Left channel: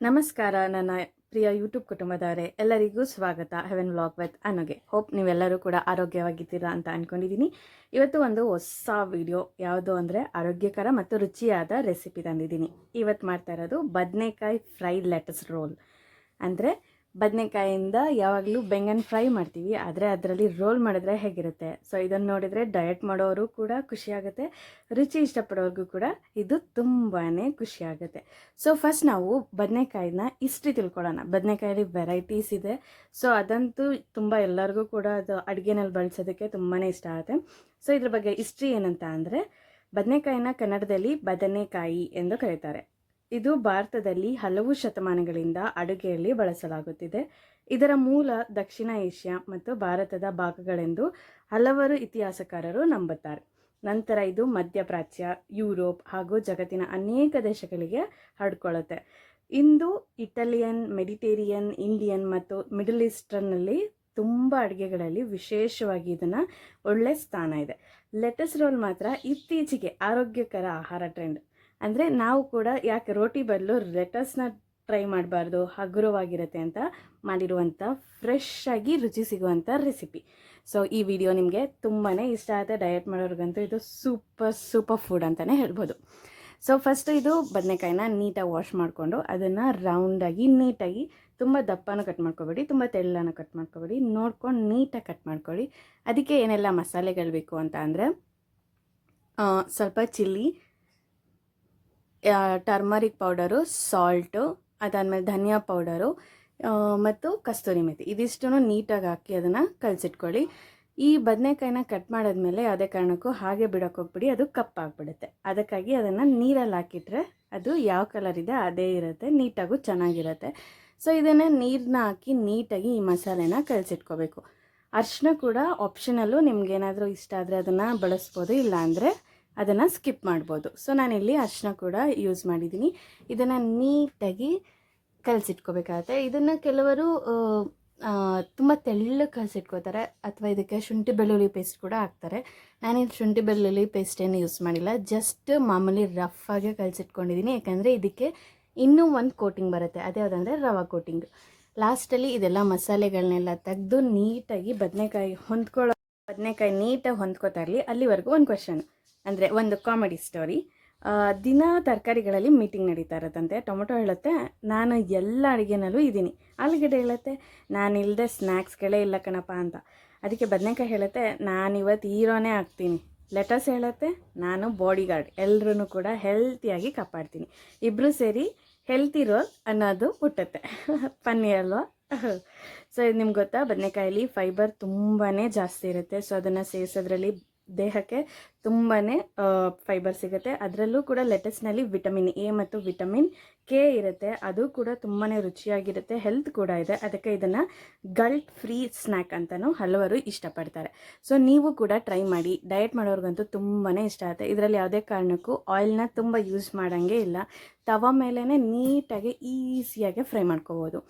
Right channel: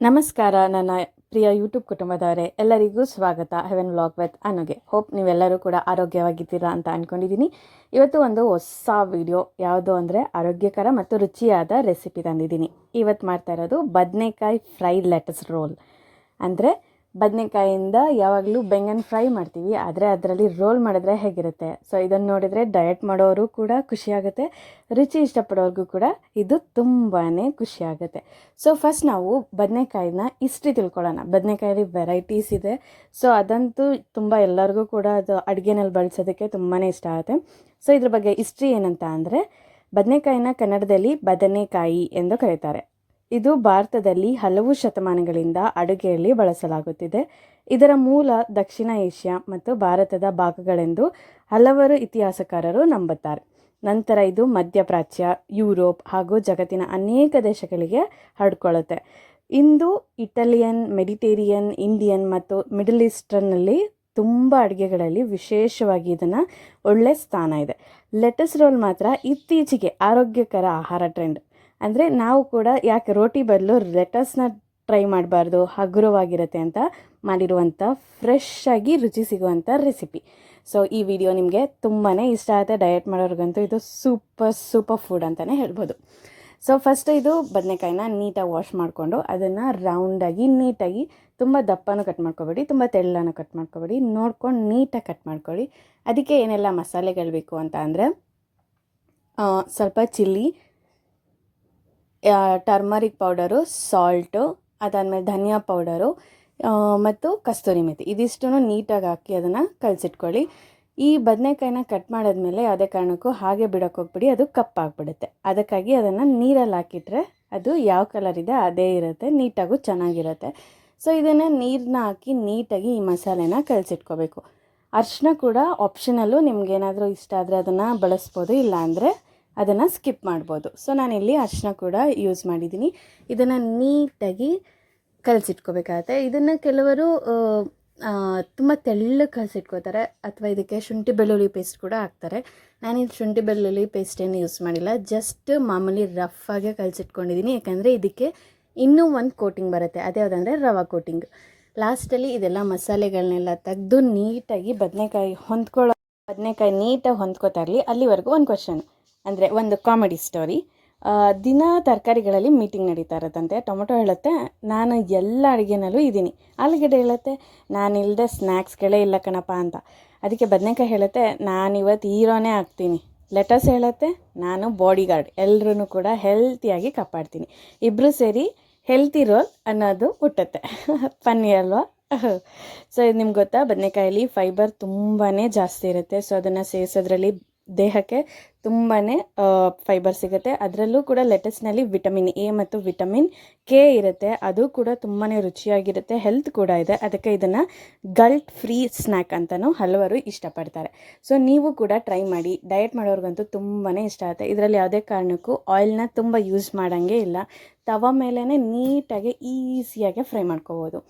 ನಮಸ್ಕಾರ ನನ್ನ ಪ್ರಿಯ ಯೂಟ್ಯೂಬ್ ಕುಟುಂಬದವರೇ, ಎಲ್ಲರಿಗೂ ಸ್ವಾಗತ ಹೆವೆನ್ ವ್ಲಾಗ್ ವಿತ್ ಅನುಗೆ. ಹೋಪ್ ನೀವೆಲ್ಲರೂ ಕೂಡ ಆರೋಗ್ಯವಾಗಿದ್ದೀರಾ ಅಂತ ಅಂದ್ಕೊಂಡಿದ್ದೀನಿ. ಇವತ್ತು ಒಂದು ಹೊಸ ವಿಡಿಯೋ ಯಾವುದು ಅಂದರೆ ಆರೋಗ್ಯಕರ ಮತ್ತು ರುಚಿಯಾದ ರೆಸಿಪಿ ತಂದಿದ್ದೀನಿ. ಇವತ್ತು ಮಾಡ್ತಾ ಇರೋದು ಬದನೆಕಾಯಿ ಫ್ರೈಡ್ ಲೆಟಸ್ ರೋಲ್. ಅಂದರೆ ಬದನೆಕಾಯಿಂದ ಯಾವಾಗಲೂ ಬೆಂಗನ್ ಫ್ರೈ ಮಾಡ್ತೀವಿ, ಆದರೆ ಅದರಲ್ಲಿ ರೋಲ್ ಮಾಡಿದ್ರೆ ಹೇಗಿರುತ್ತೆ. ಸೊ ಇದನ್ನು ನೋಡಿದರೆ ಡಯಟ್ ಮಾಡೋರು ಕೂಡ ಖುಷಿಯಾಗುತ್ತೆ, ರುಚಿ ಇಷ್ಟಪಡೋರಿಗೂ ಕೂಡ ಇದು ತುಂಬಾ ಖುಷಿಯಾಗುತ್ತೆ. ಸೊ ಫಸ್ಟ್ ನಾವು ಬದನೆಕಾಯಿನ ಹಿಸ್ಟ್ರಿ ತಿಳ್ಕೊಳ್ಳೋಣ. ಬದನೆಕಾಯಲ್ಲಿ ವೆರೈಟೀಸ್ ಇದೆ. ಸೊ ಅದಂತೂ ತುಂಬ ಎಲ್ಲರಿಗೂ ಕೂಡ ಅದು ಅಡುಗೆನಲ್ಲಿ ಬಳಸೋದಕ್ಕೆ ತುಂಬಾ ಇಷ್ಟ ಆಗುತ್ತೆ. ಸೊ ಇದ್ರ ಬಗ್ಗೆ ಹಿಸ್ಟ್ರಿ ಏನಂತ ಅಂದರೆ, ಬದನೆಕಾಯಿನ ಕನ್ನಡದಲ್ಲಿ ಬದನೆಕಾಯಿ ಎಂದು ಕರೀತಾರೆ. ಇದು ಭಾರತದಲ್ಲಿ ಹಲವು ಶತಮಾನಗಳಿಂದ ಅಡುಗೆಯಲ್ಲಿ ಬಳಸಲಾಗುತ್ತಿದೆ. ಇದರ ಮೂಲ ದಕ್ಷಿಣ ಏಷ್ಯಾ ಮತ್ತು ಭಾರತದ ಭಾಗಗಳೆಂದು ಹಲವರು ಇತಿಹಾಸಕಾರರು ನಂಬುತ್ತಾರೆ. ನಂತರ ಇದು ಮಧ್ಯಪ್ರಾಚ್ಯ, ಯುರೋಪ್ ಹಾಗೂ ಜಗತ್ತಿನ ಅನೇಕ ದೇಶಗಳಿಗೆ ಹರಡ್ಕೊಳ್ಳುತ್ತೆ. ಇಂದು ಇಟಾಲಿಯನ್, ಮೆಡಿಟೇರಿಯನ್, ಇಂಡಿಯನ್ ಮತ್ತು ಮಿಡಲ್ ಈಸ್ಟರ್ನಲ್ಲಿ ತುಂಬ ಅಡುಗೆಗಳಲ್ಲಿ ವಿಶೇಷವಾಗಿ ಇದನ್ನು ಒಳ್ಳೆ ಸ್ಥಾನ ಇದೆ. ಲೆಟಸ್ ರೋಲ್ ಮಾತ್ರ ಇತ್ತೀಚೆಗೆ ಆರೋಗ್ಯಕರ ಆಹಾರ ಟ್ರೆಂಡ್. ಅಂದರೆ ನಾವು ಕೂಡ ಯಾಕೆ ರೋಟಿ ಬದಲು ಲೆಟಸ್ನ ಟ್ರೈ ಮಾಡಬಾರ್ದು, ಹಗುರವಾಗಿರುತ್ತೆ ಅಂತ ಮಾಡಿರುವಂಥ ಫ್ರೆಶ್ ಆಗಿ ರುಚಿ ಸಿಗುವಂಥ ರೆಸಿಪಿ. ಸೊ ಈ ವಿಡಿಯೋ ನಿಮಗೆ ತುಂಬಾ ಇಷ್ಟ ಆಗುತ್ತೆ. ಡಯಟ್ ಮಾಡೋರಿಗಂತೂ ಇದು ಸೂಪರ್ ಫುಡ್ ಅಂತಲೇ ಹೇಳ್ಬೋದು. ಸೊ ಫಸ್ಟ್ ಇದು ಬದನೆಕಾಯಿನ ನೀಟಾಗಿ ವಾಶ್ ಮಾಡಿಕೊಂಡು ಅದನ್ನು ರೌಂಡಾಗಿ ನೀಟಾಗಿ, ತುಂಬ ದಪ್ಪನೂ ಕಟ್ ಮಾಡ್ಕೊಬೇಡಿ, ತುಂಬ ತೆಳ್ಳನೂ ಕಟ್ ಮಾಡ್ಕೊಬೇಡಿ, ನೋಡ್ಕೊಂಡು ನೀಟಾಗಿ ಕಟ್ ಮಾಡ್ಕೊಳ್ಳಿ. ಅದಕ್ಕೆ ಏನೆಲ್ಲ ಮಸಾಲೆಗಳು ಬೇಕು ಅಂತ ಅಂದರೆ, ಸ್ವಲ್ಪ ಚಿಲ್ಲಿ, ಟರ್ಮರಿಕ್ ಪೌಡರು, ಸಾಲ್ಟು, ಅದಾದಮೇಲೆ ಧನಿಯಾ ಪೌಡರು ಮತ್ತು ಕಸ್ತೂರಿ ಮೆಥಿ, ಇದಿಷ್ಟೂ ನೀಟಾಗಿ ಹಾಕಿ ಅದನ್ನು ಕಲಸಿಟ್ಕೊಳ್ಳಿ. ಈ ಬದನೆಕಾಯಿನ ಕಟ್ ಮಾಡಿದ್ಮೇಲೆ ಯಾವುದೇ ಕಾರಣಕ್ಕೂ ಹಾಗೆ ಬಿಡೋಕೆ ಹೋಗ್ಬಿಡಿ, ಅದು ಕಪ್ಪಾಗಿಬಿಡುತ್ತೆ. ಅದಕ್ಕಾಗಿ ಅದನ್ನು ನೀರಲ್ಲಿ ಹಾಕಿಟ್ರೆ ಅದು ಯಾವ ಕಲರ್ ಇದೆ ಅದೇ ಇರುತ್ತೆ, ನೀಟಾಗೂ ಚೆನ್ನಾಗಿರುತ್ತೆ. ಸೊ ಇದನ್ನು ನೀರನ್ನ ಹಾಕಿ ನೀಟಾಗಿ ಈ ಮಸಾಲೆನ ಕಲಸಿಟ್ಕೋಬೇಕು. ಅರಿಶಿನ ಕೂಡ ಆಪ್ಷನಲ್ಲು, ನಿಮ್ಗೇನಾದರೂ ಇಷ್ಟ ಆದರೆ ಅದನ್ನು ಬಳಸ್ಬೋದು, ಇಲ್ಲ ಅಂದರೆ ಅದನ್ನು ಸ್ಕಿಪ್ ಮಾಡ್ಬೋದು. ಸೊ ನಾನಿಲ್ಲಿ ಅರಿಶಿನ ಕೂಡ ಯೂಸ್ ಮಾಡಿದ್ದೀನಿ. ಇದನ್ನು ನೀಟಾಗಿ ಕಲಸಿಟ್ಕೋಬೇಕಾಗತ್ತೆ. ಇದನ್ನು ಕೆಲವರು ತುಂಬ ತೆಳ್ಳಗೆ ಕಲಸಿಟ್ಕೋತಾರೆ, ಅಥವಾ ಇದಕ್ಕೆ ಶುಂಠಿ ಬೆಳ್ಳುಳ್ಳಿ ಪೇಸ್ಟ್ ಕೂಡ ಹಾಕ್ತಾರೆ. ನಾನಿಲ್ಲಿ ಶುಂಠಿ ಬೆಳ್ಳುಳ್ಳಿ ಪೇಸ್ಟೇನು ಯೂಸ್ ಮಾಡಿಲ್ಲ, ಜಸ್ಟ್ ಮಾಮೂಲಿ ರಫಾಗೆ ಕಲಸಿಟ್ಕೊಂಡಿದ್ದೀನಿ. ಯಾಕಂದರೆ ಇದಕ್ಕೆ ಇನ್ನೂ ಒಂದು ಕೋಟಿಂಗ್ ಬರುತ್ತೆ, ಅದೇ ಯಾವುದಂದರೆ ರವಾ ಕೋಟಿಂಗ್. ಲಾಸ್ಟಲ್ಲಿ ಇದೆಲ್ಲ ಮಸಾಲೆಗಳನ್ನೆಲ್ಲ ತೆಗೆದು ನೀಟಾಗಿ ಬದನೆಕಾಯಿ ನೀಟಾಗಿ ಹೊಂದ್ಕೋತಾ ಇರಲಿ. ಅಲ್ಲಿವರೆಗೂ ಒಂದು ಕ್ವೆಶನ್, ಅಂದರೆ ಒಂದು ಕಾಮಿಡಿ ಸ್ಟೋರಿ. ದಿನ ತರಕಾರಿಗಳಲ್ಲಿ ಮೀಟಿಂಗ್ ನಡೀತಾ ಇರುತ್ತಂತೆ. ಟೊಮೊಟೊ ಹೇಳುತ್ತೆ, ನಾನು ಎಲ್ಲ ಅಡುಗೆನಲ್ಲೂ ಇದ್ದೀನಿ. ಆಲೂಗಡ್ಡೆ ಹೇಳುತ್ತೆ, ನಾನಿಲ್ಲದೆ ಸ್ನ್ಯಾಕ್ಸ್ಗಳೇ ಇಲ್ಲ ಕಣಪ್ಪ ಅಂತ. ಅದಕ್ಕೆ ಬದನೆಕಾಯಿ ಹೇಳುತ್ತೆ, ನಾನಿವತ್ತು ಹೀರೋನೇ ಆಗ್ತೀನಿ. ಲೆಟಸ್ ಹೇಳುತ್ತೆ, ನಾನು ಬಾಡಿ ಗಾರ್ಡ್, ಎಲ್ಲರೂ ಕೂಡ ಹೆಲ್ತಿಯಾಗಿ ಕಾಪಾಡ್ತೀನಿ. ಇಬ್ಬರು ಸೇರಿ ಹೆಲ್ತಿ ರೋಲ್ ಅನ್ನೋದು ಹುಟ್ಟುತ್ತೆ. ಫನ್ನಿ ಅಲ್ವಾ? ಸೊ ಇದು ನಿಮ್ಗೆ ಗೊತ್ತಾ, ಬದನೆಕಾಯಲ್ಲಿ ಫೈಬರ್ ತುಂಬಾ ಜಾಸ್ತಿ ಇರುತ್ತೆ. ಸೊ ಅದನ್ನು ಸೇವಿಸೋದ್ರಲ್ಲಿ ದೇಹಕ್ಕೆ ತುಂಬಾ ಫೈಬರ್ ಸಿಗುತ್ತೆ. ಅದರಲ್ಲೂ ಕೂಡ ಲೆಟಸ್ನಲ್ಲಿ ವಿಟಮಿನ್ ಎ ಮತ್ತು ವಿಟಮಿನ್ ಕೆ ಇರುತ್ತೆ. ಅದು ಕೂಡ ತುಂಬಾ ರುಚಿಯಾಗಿರುತ್ತೆ, ಹೆಲ್ತ್ ಕೂಡ ಇದೆ. ಅದಕ್ಕೆ ಇದನ್ನು ಗಲ್ಟ್ ಫ್ರೀ ಸ್ನ್ಯಾಕ್ ಅಂತಲೂ ಹಲವರು ಇಷ್ಟಪಡ್ತಾರೆ. ಸೊ ನೀವು ಕೂಡ ಟ್ರೈ ಮಾಡಿ. ಡಯಟ್ ಮಾಡೋರ್ಗಂತೂ ತುಂಬಾ ಇಷ್ಟ ಆಗುತ್ತೆ. ಇದರಲ್ಲಿ ಯಾವುದೇ ಕಾರಣಕ್ಕೂ ಆಯಿಲ್ನ ತುಂಬ ಯೂಸ್ ಮಾಡೋಂಗೆ ಇಲ್ಲ. ತವ ಮೇಲೇ ನೀಟಾಗಿ ಈಸಿಯಾಗಿ ಫ್ರೈ ಮಾಡ್ಕೋಬೋದು.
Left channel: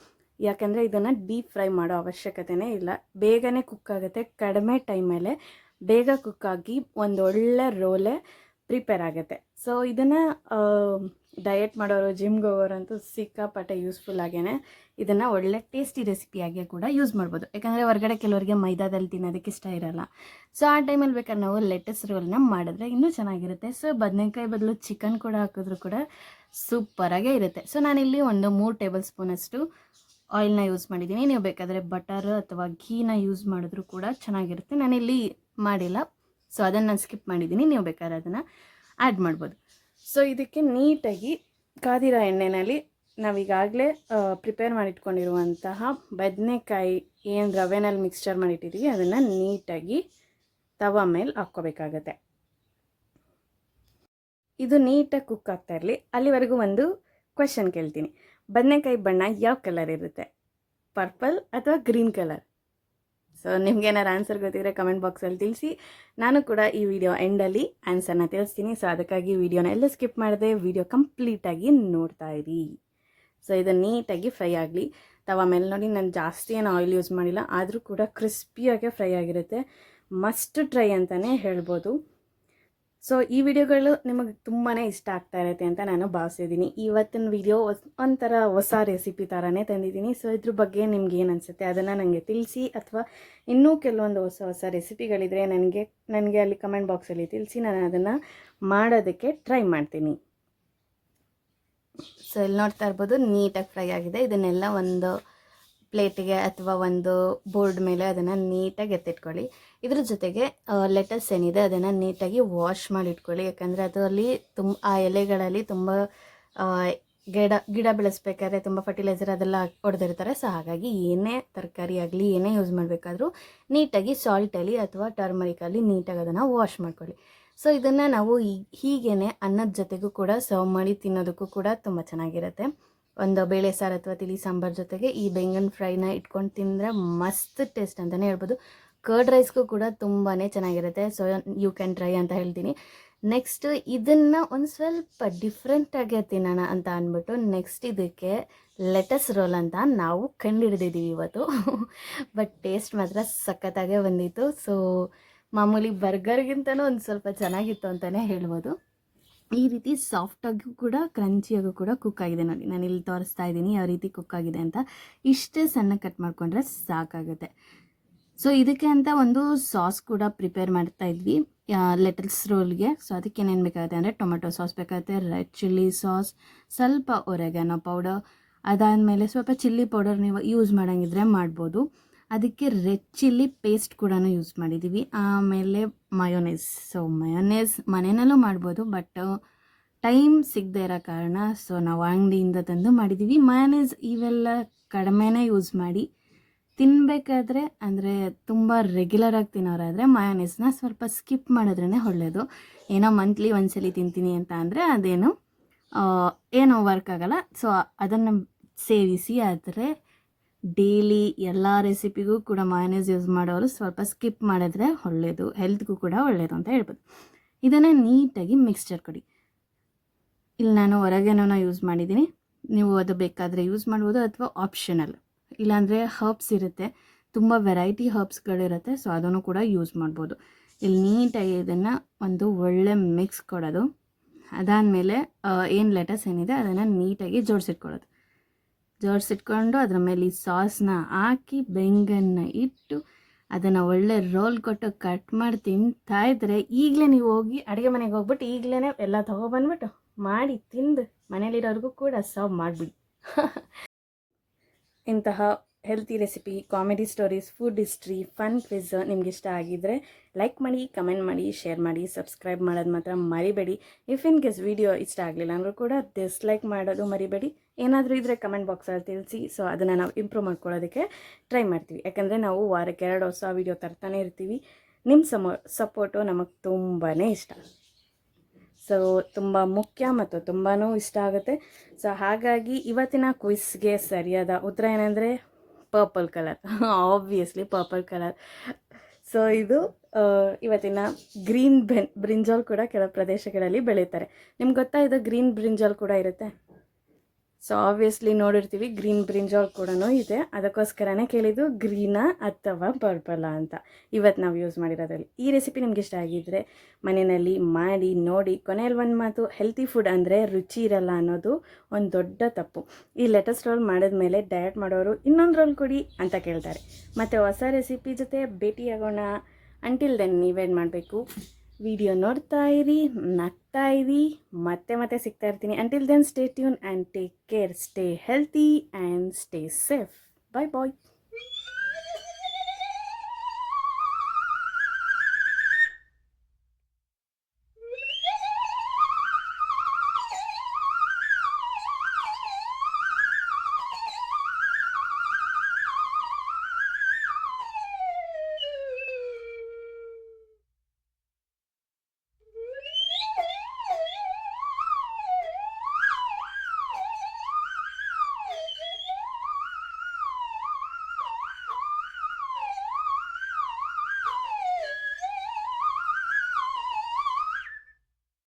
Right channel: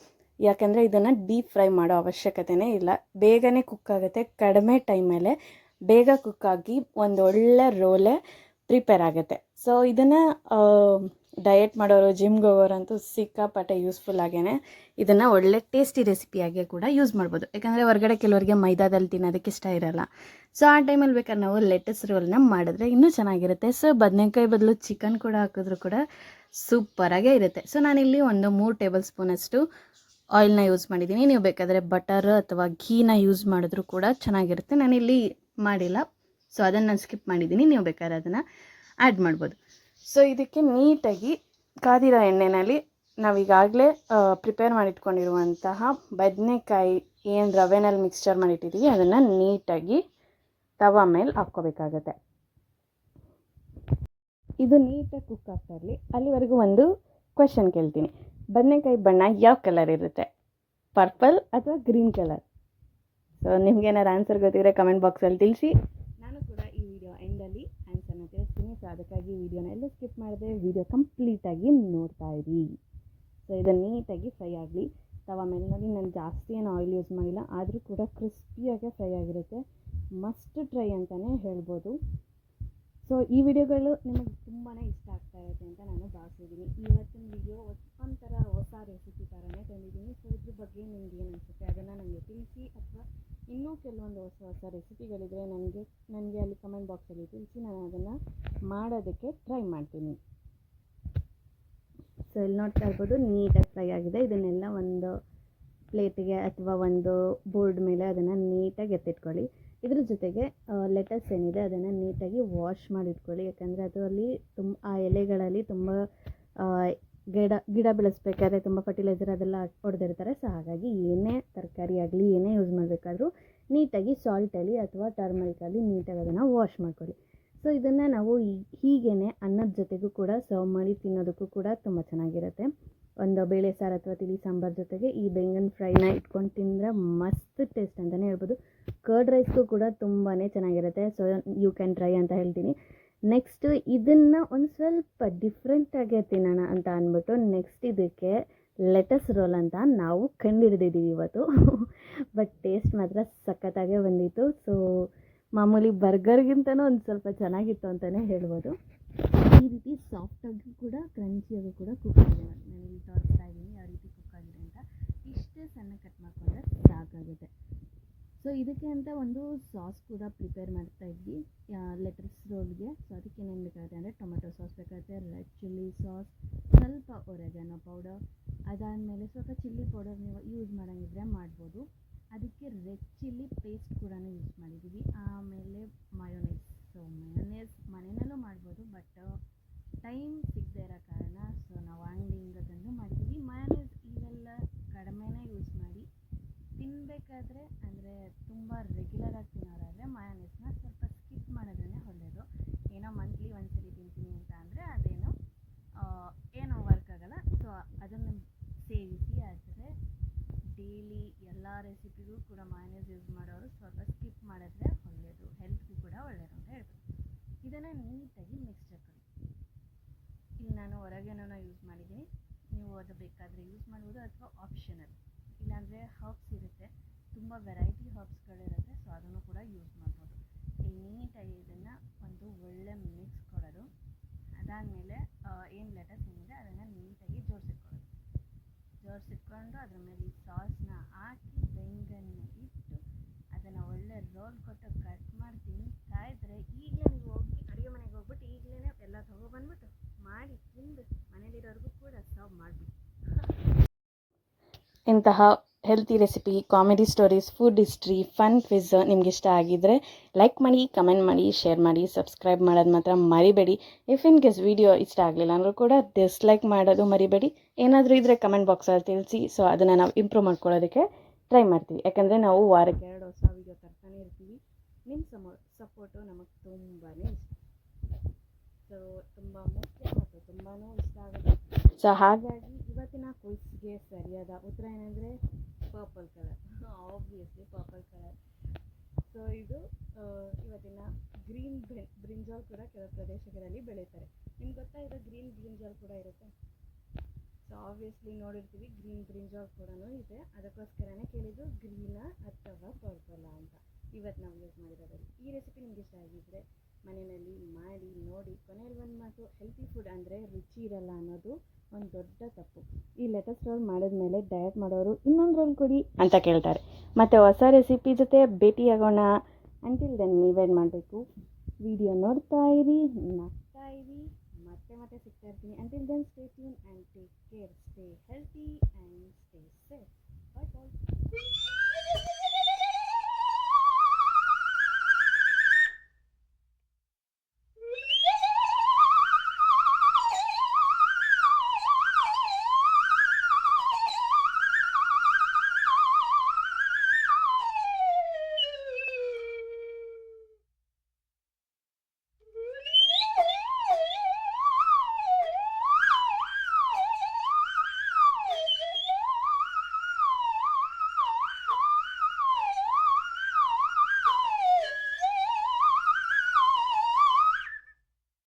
ಯಾಕಂದರೆ ಇದನ್ನು ಡೀಪ್ ಫ್ರೈ ಮಾಡೋ ಅವಶ್ಯಕತೆಯೇ ಇಲ್ಲ. ಬೇಗನೆ ಕುಕ್ ಆಗುತ್ತೆ, ಕಡಿಮೆ ಟೈಮಲ್ಲೇ ಬೇಗ ಕುಕ್ಕಾಗಿ ಒಂದು ಒಳ್ಳೆ ರೋಲೆ ಪ್ರಿಪೇರ್ ಆಗುತ್ತೆ. ಸೊ ಇದನ್ನು ಡಯಟ್ ಮಾಡೋರು, ಜಿಮ್ಗೆ ಹೋಗೋರಂತೂ ಸಿಕ್ಕಾಪಟ್ಟೆ ಯೂಸ್ಫುಲ್ ಆಗೇ ಇದನ್ನು ಒಳ್ಳೆ ಟೇಸ್ಟಿ ರೆಸಿಪಿಯಾಗಿ ಕೂಡ ಯೂಸ್ ಮಾಡ್ಬೋದು. ಯಾಕಂದರೆ ಹೊರಗಡೆ ಕೆಲವರಿಗೆ ಮೈದಾದಲ್ಲಿ ತಿನ್ನೋದಕ್ಕೆ ಇಷ್ಟ ಇರೋಲ್ಲ. ಸೊ ಆ ಟೈಮಲ್ಲಿ ಬೇಕಾದ್ರೆ ನಾವು ಲೆಟಸ್ ರೋಲ್ನ ಮಾಡಿದ್ರೆ ಇನ್ನೂ ಚೆನ್ನಾಗಿರುತ್ತೆ. ಸೊ ಬದನೆಕಾಯಿ ಬದಲು ಚಿಕನ್ ಕೂಡ ಹಾಕಿದ್ರೂ ಕೂಡ ಸೂಪರಾಗೇ ಇರುತ್ತೆ. ಸೊ ನಾನಿಲ್ಲಿ ಒಂದು 3 ಟೇಬಲ್ ಸ್ಪೂನಷ್ಟು ಆಯಿಲ್ನ ಯೂಸ್ ಮಾಡಿದ್ದೀನಿ. ನೀವು ಬೇಕಾದರೆ ಬಟರ್ ಅಥವಾ ಘೀನ ಯೂಸ್ ಮಾಡಿದ್ರೂ ಕೂಡ ಚೆನ್ನಾಗಿರುತ್ತೆ. ನಾನಿಲ್ಲಿ ಮಾಡಿಲ್ಲ, ಸೊ ಅದನ್ನು ನಾನು ಸ್ಕಿಪ್ ಮಾಡಿದ್ದೀನಿ. ನೀವು ಬೇಕಾದ್ರೆ ಅದನ್ನು ಆ್ಯಡ್ ಮಾಡ್ಬೋದು. ಸೊ ಇದಕ್ಕೆ ನೀಟಾಗಿ ಕಾದಿರೋ ಎಣ್ಣೆಯಲ್ಲಿ ನಾವೀಗಾಗಲೇ ಪ್ರಿಪೇರ್ ಮಾಡಿಟ್ಕೊಂಡಿರುವಂತಹ ಬದನೆಕಾಯಿ ಏನು ರವೆನಲ್ಲಿ ಮಿಕ್ಸ್ಚರ್ ಮಾಡಿಟ್ಟಿದ್ದೀವಿ ಅದನ್ನು ನೀಟಾಗಿ ತವ ಮೇಲೆ ಹಾಕ್ಕೋಬೇಕಾಗತ್ತೆ. ಇದು ನೀಟಾಗಿ ಕುಕ್ ಆಗ್ತಾ ಇರಲಿ. ಅಲ್ಲಿವರೆಗೂ ಒಂದು ಕ್ವೆಶನ್ ಕೇಳ್ತೀನಿ, ಬದನೆಕಾಯಿ ಬಣ್ಣ ಯಾವ ಕಲರ್ ಇರುತ್ತೆ? ಪರ್ಪಲ್ ಅಥವಾ ಗ್ರೀನ್ ಕಲರ್? ಸೊ ನಿಮ್ಗೇನಾರು ಆನ್ಸರ್ ಗೊತ್ತಿದ್ರೆ ಕಮೆಂಟ್ ಬಾಕ್ಸಲ್ಲಿ ತಿಳಿಸಿ. ನಾನು ಕೂಡ ಈ ವಿಡಿಯೋ ಎಂಡಲ್ಲಿ ಆನ್ಸರ್ನ ತಿಳಿಸ್ತೀನಿ. ಸೊ ಅದಕ್ಕಾಗಿ ವಿಡಿಯೋನ ಎಲ್ಲ ಸ್ಕಿಪ್ ಮಾಡಿದೆ, ವಿಡಿಯೋ ಕಂಪ್ಲೀಟಾಗಿ ನೋಡ್ತಾ ಇರಿ. ಸೊ ಇದು ನೀಟಾಗಿ ಫ್ರೈ ಆಗಲಿ ತವ ಮೇಲೆ. ನೋಡಿ, ನಾನು ಜಾಸ್ತಿ ಏನು ಆಯಿಲ್ ಯೂಸ್ ಮಾಡಿಲ್ಲ, ಆದರೂ ಕೂಡ ಕ್ರಿಸ್ಪಿಯಾಗೆ ಫ್ರೈ ಆಗಿರುತ್ತೆ. ಮಸ್ಟ್ ಟ್ರೈ ಅಂತಲೇ ಹೇಳ್ಬೋದು. ಸೊ ಈ ವಿಡಿಯೋಗಳು ನಿಮಗೆ ತುಂಬಾ ಇಷ್ಟ ಆಗ್ತಾ ಇರುತ್ತೆ ಅಂತ ನಾನು ಭಾವಿಸಿದ್ದೀನಿ. ಇವತ್ತಿನ ವಿಡಿಯೋ ಒಂಥರ ಹೊಸ ರೆಸಿಪಿ ಥರನೇ ತಂದಿದ್ದೀನಿ. ಸೊ ಇದ್ರ ಬಗ್ಗೆ ನಿಮ್ಗೆ ಏನು ಅನಿಸುತ್ತೆ ಅದನ್ನು ನನಗೆ ತಿಳಿಸಿ, ಅಥವಾ ಇನ್ನೂ ಕೆಲವೊಂದು ಹೊಸ ರೆಸಿಪಿಗಳಿದ್ರೆ ನನಗೆ ಅಲ್ಲಿ ಕಮೆಂಟ್ ಬಾಕ್ಸಲ್ಲಿ ತಿಳಿಸಿ, ನಾನು ಅದನ್ನು ಮಾಡೋದಕ್ಕೆ ಟ್ರೈ ಮಾಡ್ತೀನಿ. ಸೊ ಇಲ್ಲಿ ನೋಡ್ತಾ ಇರ್ಬೋದು, ನೀಟಾಗಿ ಫ್ರೈ ಆಗಿದೆ. ಇದನ್ನೆಲ್ಲ ಒಂದು ಪ್ಲೇಟಿಗೆ ಅಥವಾ ಒಂದು ಬೋರ್ಡ್ ಮೇಲೆ ಅದನ್ನು ನೀಟಾಗಿ ಎತ್ತಿಟ್ಕೊಳ್ಳಿ. ಇದ್ರ ಜೊತೆಗೆ ಲೆಟಸ್ ಏನಿದೆ ಅದನ್ನು ನೀಟಾಗಿ ವಾಶ್ ಮಾಡಿ ಇಟ್ಕೊಳ್ಳಿ. ಯಾಕಂದರೆ ಅದರಲ್ಲಿ ಆ ಎಲೆಗಳಲ್ಲಿ ತುಂಬ ಗಿಡ ಬೆಳೆಸ್ಬೇಕಾದ್ರೆ ತುಂಬ ಫರ್ಟಿಲೈಸರ್ ಅದೆಲ್ಲ ಹೊಡೆದಿರ್ತಾರೆ. ಸೊ ಹಾಗಾಗಿ ಏನೇ ತರಕಾರಿ ಆಗಲಿ ಏನೇ ಯೂಸ್ ಮಾಡಬೇಕಾದ್ರೂ ನೀಟಾಗಿ ಸಾಲ್ಟಲ್ಲಿ ಅಥವಾ ಟರ್ಮರಿಕಲ್ಲಿ ನೀಟಾಗಿ ಅದನ್ನು ವಾಶ್ ಮಾಡ್ಕೊಳ್ಳಿ. ಸೊ ಇದನ್ನು ನಾವು ಹೀಗೇ ಅನ್ನದ ಜೊತೆಗೂ ಕೂಡ ಸರ್ವ್ ಮಾಡಿ ತಿನ್ನೋದಕ್ಕೂ ಕೂಡ ತುಂಬ ಚೆನ್ನಾಗಿರುತ್ತೆ. ಒಂದು ಬೇಳೆ ಸಾರು ಅಥವಾ ತಿಳಿ ಸಾಂಬಾರು ಜೊತೆಗೆ ಈ ಬೆಂಗನ್ ಫ್ರೈನ ಇಟ್ಕೊಂಡು ತಿಂದರೆ ಮಸ್ತ್ ಟೇಸ್ಟ್ ಅಂತಲೇ ಹೇಳ್ಬೋದು. ಕರ್ಡ್ ರೈಸ್ಗೂ ಕೂಡ ತುಂಬಾ ಚೆನ್ನಾಗಿರುತ್ತೆ. ಸೊ ಯು ಕ್ಯಾನ್ ಟ್ರೈ ಅಂತ ಹೇಳ್ತೀನಿ. ನೆಕ್ಸ್ಟ್ ಇದನ್ನು ಒಂದು ಸ್ವಲ್ಪ ಡಿಫ್ರೆಂಟಾಗೆ ತಿನ್ನೋಣ ಅಂತ ಅಂದ್ಬಿಟ್ಟು ನೆಕ್ಸ್ಟ್ ಇದಕ್ಕೆ ಲೆಟಸ್ ರೋಲ್ ಅಂತ ನಾವು ಕಂಡುಹಿಡಿದಿದ್ದೀವಿ ಇವತ್ತು. ಬಟ್ ಟೇಸ್ಟ್ ಮಾತ್ರ ಸಖತ್ತಾಗೇ ಬಂದಿತ್ತು. ಸೊ ಮಾಮೂಲಿ ಬರ್ಗರ್ಗಿಂತನೂ ಒಂದು ಸ್ವಲ್ಪ ಚೆನ್ನಾಗಿತ್ತು ಅಂತಲೇ ಹೇಳ್ಬೋದು. ಈ ರೀತಿ ಸಾಫ್ಟಾಗೂ ಕೂಡ ಕ್ರಂಚಿಯಾಗೂ ಕೂಡ ಕುಕ್ ಆಗಿದೆ ನೋಡಿ. ನಾನು ಇಲ್ಲಿ ತೋರಿಸ್ತಾ ಇದ್ದೀನಿ ಯಾವ ರೀತಿ ಕುಕ್ ಆಗಿದೆ ಅಂತ. ಇಷ್ಟೇ ಸಣ್ಣ ಕಟ್ ಮಾಡಿಕೊಂಡ್ರೆ ಸಾಕಾಗುತ್ತೆ. ಸೊ ಇದಕ್ಕೆ ಅಂತ ಒಂದು ಸಾಸ್ ಕೂಡ ಪ್ರಿಪೇರ್ ಮಾಡ್ತಾ ಇದ್ವಿ ಲೆಟಸ್ ರೋಲ್ಗೆ. ಸೊ ಅದಕ್ಕೆ ಏನೇನು ಬೇಕಾಗುತ್ತೆ ಅಂದರೆ ಟೊಮೆಟೊ ಸಾಸ್ ಬೇಕಾಗುತ್ತೆ, ರೆಡ್ ಚಿಲ್ಲಿ ಸಾಸ್, ಸ್ವಲ್ಪ ಒರೆಗಾನೋ ಪೌಡರ್, ಅದಾದಮೇಲೆ ಸ್ವಲ್ಪ ಚಿಲ್ಲಿ ಪೌಡರ್ ನೀವು ಯೂಸ್ ಮಾಡೋಂಗಿದ್ರೆ ಮಾಡ್ಬೋದು. ಅದಕ್ಕೆ ರೆಡ್ ಚಿಲ್ಲಿ ಪೇಸ್ಟ್ ಕೂಡ ಯೂಸ್ ಮಾಡಿದ್ದೀವಿ. ಆಮೇಲೆ ಮಯೋನೇಸ್. ಸೊ ಮಯೋನೇಸ್ ಮನೆಯಲ್ಲೂ ಮಾಡ್ಬೋದು, ಬಟ್ ಟೈಮ್ ಸಿಗದೆ ಇರೋ ಕಾರಣ ಸೊ ನಾವು ಅಂಗಡಿಯಿಂದ ತಂದು ಮಾಡಿದ್ದೀವಿ. ಮಯೋನೇಸ್ ಇವೆಲ್ಲ ಕಡಿಮೆನೇ ಯೂಸ್ ಮಾಡಿ ತಿನ್ನಬೇಕಾದ್ರೆ, ಅಂದರೆ ತುಂಬ ರೆಗ್ಯುಲರಾಗಿ ತಿನ್ನೋರಾದರೆ ಮಯೋನೇಸ್ನ ಸ್ವಲ್ಪ ಸ್ಕಿಪ್ ಮಾಡಿದ್ರೇ ಒಳ್ಳೆಯದು. ಏನೋ ಮಂತ್ಲಿ ಒಂದ್ಸಲಿ ತಿಂತೀನಿ ಅಂತ ಅಂದರೆ ಏನೋ ವರ್ಕ್ ಆಗೋಲ್ಲ. ಸೊ ಅದನ್ನು ಸೇವಿಸಿ. ಆದರೆ ಡೈಲಿ ಎಲ್ಲ ರೆಸಿಪಿಗೂ ಕೂಡ ಮಯೋನೇಸ್ ಯೂಸ್ ಮಾಡೋರು ಸ್ವಲ್ಪ ಸ್ಕಿಪ್ ಮಾಡಿದ್ರೆ ಒಳ್ಳೆಯದು, ಹೆಲ್ತ್ಗೂ ಕೂಡ ಒಳ್ಳೆಯದು ಅಂತ ಹೇಳ್ಬೋದು. ಇದನ್ನು ನೀಟಾಗಿ ಮಿಕ್ಸ್ಚರ್ ಕೊಡಿ. ಇಲ್ಲಿ ನಾನು ಹೊರಗೇನೋ ಯೂಸ್ ಮಾಡಿದ್ದೀನಿ, ನೀವು ಅದು ಬೇಕಾದರೆ ಯೂಸ್ ಮಾಡ್ಬೋದು ಅಥವಾ ಆಪ್ಷನಲ್. ಇಲ್ಲಾಂದರೆ ಹರ್ಬ್ಸ್ ಇರುತ್ತೆ, ತುಂಬ ವೆರೈಟಿ ಹರ್ಬ್ಸ್ಗಳಿರುತ್ತೆ. ಸೊ ಅದನ್ನು ಕೂಡ ಯೂಸ್ ಮಾಡ್ಬೋದು. ಇಲ್ಲಿ ನೀಟಾಗಿ ಇದನ್ನು ಒಂದು ಒಳ್ಳೆ ಮಿಕ್ಸ್ ಕೊಡೋದು. ಅದಾದಮೇಲೆ ಏನು ಲೆಟಸ್ ಏನಿದೆ ಅದನ್ನು ನೀಟಾಗಿ ಜೋಡಿಸಿಟ್ಕೊಂಡು ಅದರ ಮೇಲೆ ಈ ಸಾಸ್ನ ಹಾಕಿ ಬೆಂಗನ್ನ ಇಟ್ಟು ಅದನ್ನು ಒಳ್ಳೆ ರೋಲ್ ಕೊಟ್ಟು ಕಟ್ ಮಾಡಿ ತಿಂತಾ ಇದ್ದರೆ ಈಗಲೇ ನೀವು ಹೋಗಿ ಅಡುಗೆ ಮನೆಗೆ ಹೋಗ್ಬಿಟ್ಟು ಈಗಲೇ ಎಲ್ಲ ತೊಗೊಬಂದ್ಬಿಟ್ಟು ಮಾಡಿ ತಿಂದು ಮನೇಲಿರೋರಿಗೂ ಕೂಡ ಸರ್ವ್ ಮಾಡಿಬಿಡಿ. ಇಂತಹ healthy recipe, comedy stories, food history, fun quiz ನಿಮ್ಗೆ ಇಷ್ಟ ಆಗಿದ್ದರೆ ಲೈಕ್ ಮಾಡಿ, ಕಮೆಂಟ್ ಮಾಡಿ, ಶೇರ್ ಮಾಡಿ, ಸಬ್ಸ್ಕ್ರೈಬ್ ಮಾಡೋದು ಮಾತ್ರ ಮರಿಬೇಡಿ. ಇಫ್ ಇನ್ ಕೇಸ್ ವಿಡಿಯೋ ಇಷ್ಟ ಆಗಲಿಲ್ಲ ಅಂದರೂ ಕೂಡ ಡಿಸ್ಲೈಕ್ ಮಾಡೋದು ಮರಿಬೇಡಿ. ಏನಾದರೂ ಇದ್ದರೆ ಕಮೆಂಟ್ ಬಾಕ್ಸಲ್ಲಿ ತಿಳಿಸಿ. ಸೊ ಅದನ್ನು ನಾವು ಇಂಪ್ರೂವ್ ಮಾಡ್ಕೊಳ್ಳೋದಕ್ಕೆ ಟ್ರೈ ಮಾಡ್ತೀವಿ. ಯಾಕಂದರೆ ನಾವು ವಾರಕ್ಕೆ 2 ಹೊಸ ವಿಡಿಯೋ ತರ್ತಾನೆ ಇರ್ತೀವಿ. ನಿಮ್ಮ ಸಪೋರ್ಟು ನಮಗೆ ತುಂಬಾ ಇಷ್ಟ. ಸೊ ತುಂಬ ಮುಖ್ಯ ಮತ್ತು ತುಂಬಾ ಇಷ್ಟ ಆಗುತ್ತೆ. ಸೊ ಹಾಗಾಗಿ ಇವತ್ತಿನ ಕ್ವಿಸ್ಗೆ ಸರಿಯಾದ ಉತ್ತರ ಏನಂದರೆ purple colour. Obviously purple colour. So ಇದು ಇವತ್ತಿನ ಗ್ರೀನ್ ಬ್ರಿಂಜಾಲ್ ಕೂಡ ಕೆಲವು ಪ್ರದೇಶಗಳಲ್ಲಿ ಬೆಳೀತಾರೆ. ನಿಮ್ಗೆ ಗೊತ್ತಾ ಇದು ಗ್ರೀನ್ ಬ್ರಿಂಜಾಲ್ ಕೂಡ ಇರುತ್ತೆ? ಸೊ ಆಬ್ವಿಯಸ್ಲಿ ನೋಡಿರ್ತೀವಿ, ಗ್ರೀನ್ ಬ್ರಿಂಜಾಲ್ ಕೂಡ ಇದೆ. ಅದಕ್ಕೋಸ್ಕರನೇ ಕೇಳಿದ್ದು ಗ್ರೀನಾ ಅಥವಾ ಪರ್ಪಲಾ ಅಂತ ಇವತ್ತು ನಾವು ಯೂಸ್ ಮಾಡಿರೋದ್ರಲ್ಲಿ. ಈ ರೆಸಿಪಿ ನಿಮ್ಗೆ ಇಷ್ಟ ಆಗಿದ್ದರೆ ಮನೆಯಲ್ಲಿ ಮಾಡಿ ನೋಡಿ. ಕೊನೆಯಲ್ಲಿ ಒಂದು ಮಾತು, ಹೆಲ್ತಿ ಫುಡ್ ಅಂದರೆ ರುಚಿ ಇರಲ್ಲ ಅನ್ನೋದು ಒಂದು ದೊಡ್ಡ ತಪ್ಪು. ಈ ಲೆಟಸ್ ರೋಲ್ ಮಾಡಿದ್ಮೇಲೆ ಡಯಟ್ ಮಾಡೋರು ಇನ್ನೊಂದು ರೋಲ್ ಕೊಡಿ ಅಂತ ಕೇಳ್ತಾರೆ. ಮತ್ತು ಹೊಸ ರೆಸಿಪಿ ಜೊತೆ ಭೇಟಿಯಾಗೋಣ. ಅಂಟಿಲ್ ದೆನ್ ನೀವೇನು ಮಾಡಬೇಕು, ವಿಡಿಯೋ ನೋಡ್ತಾ ಇರಿ, ನಗ್ತಾ ಇರಿ, ಮತ್ತೆ ಸಿಗ್ತಾ ಇರ್ತೀನಿ. Until then stay tuned and take care, stay healthy and stay safe. Bye bye.